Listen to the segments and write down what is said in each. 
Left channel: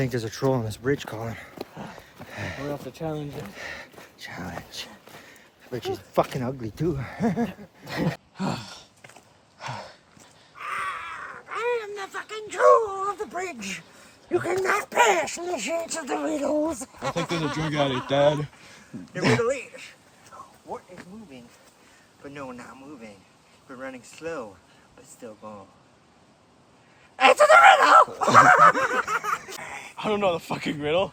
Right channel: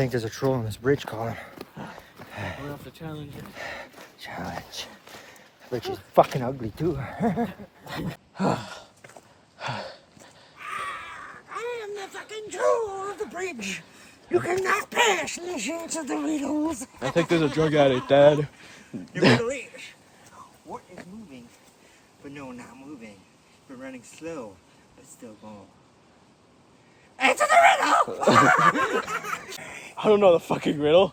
think there's a troll on this bridge, Colin. We have to challenge it. Challenge. Which is fucking ugly too. I am the fucking troll of the bridge. You cannot pass unless you answer the riddles. I think there's a drug addict, Dad. The riddle is, what is moving, but no, not moving, but running slow, but still going? Answer the riddle! I don't know the fucking riddle.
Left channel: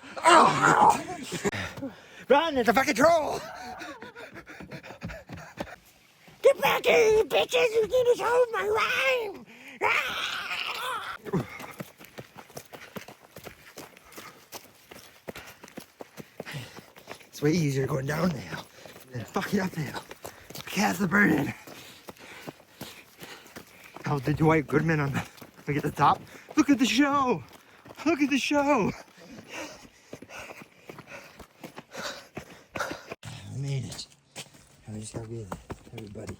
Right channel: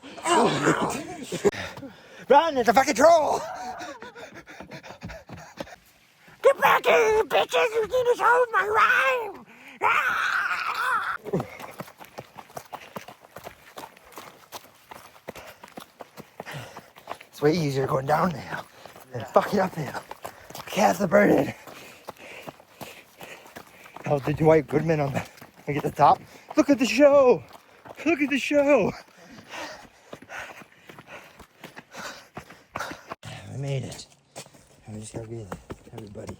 Run, it's a fucking troll! Get back here, bitches! You need to hold my rhyme! It's way easier going down the hill than fucking up the hill. Cast the burden. Oh, the Dwight Goodman on the, look at the top. Look at the show! Look at the show! I made it. I just gotta get everybody.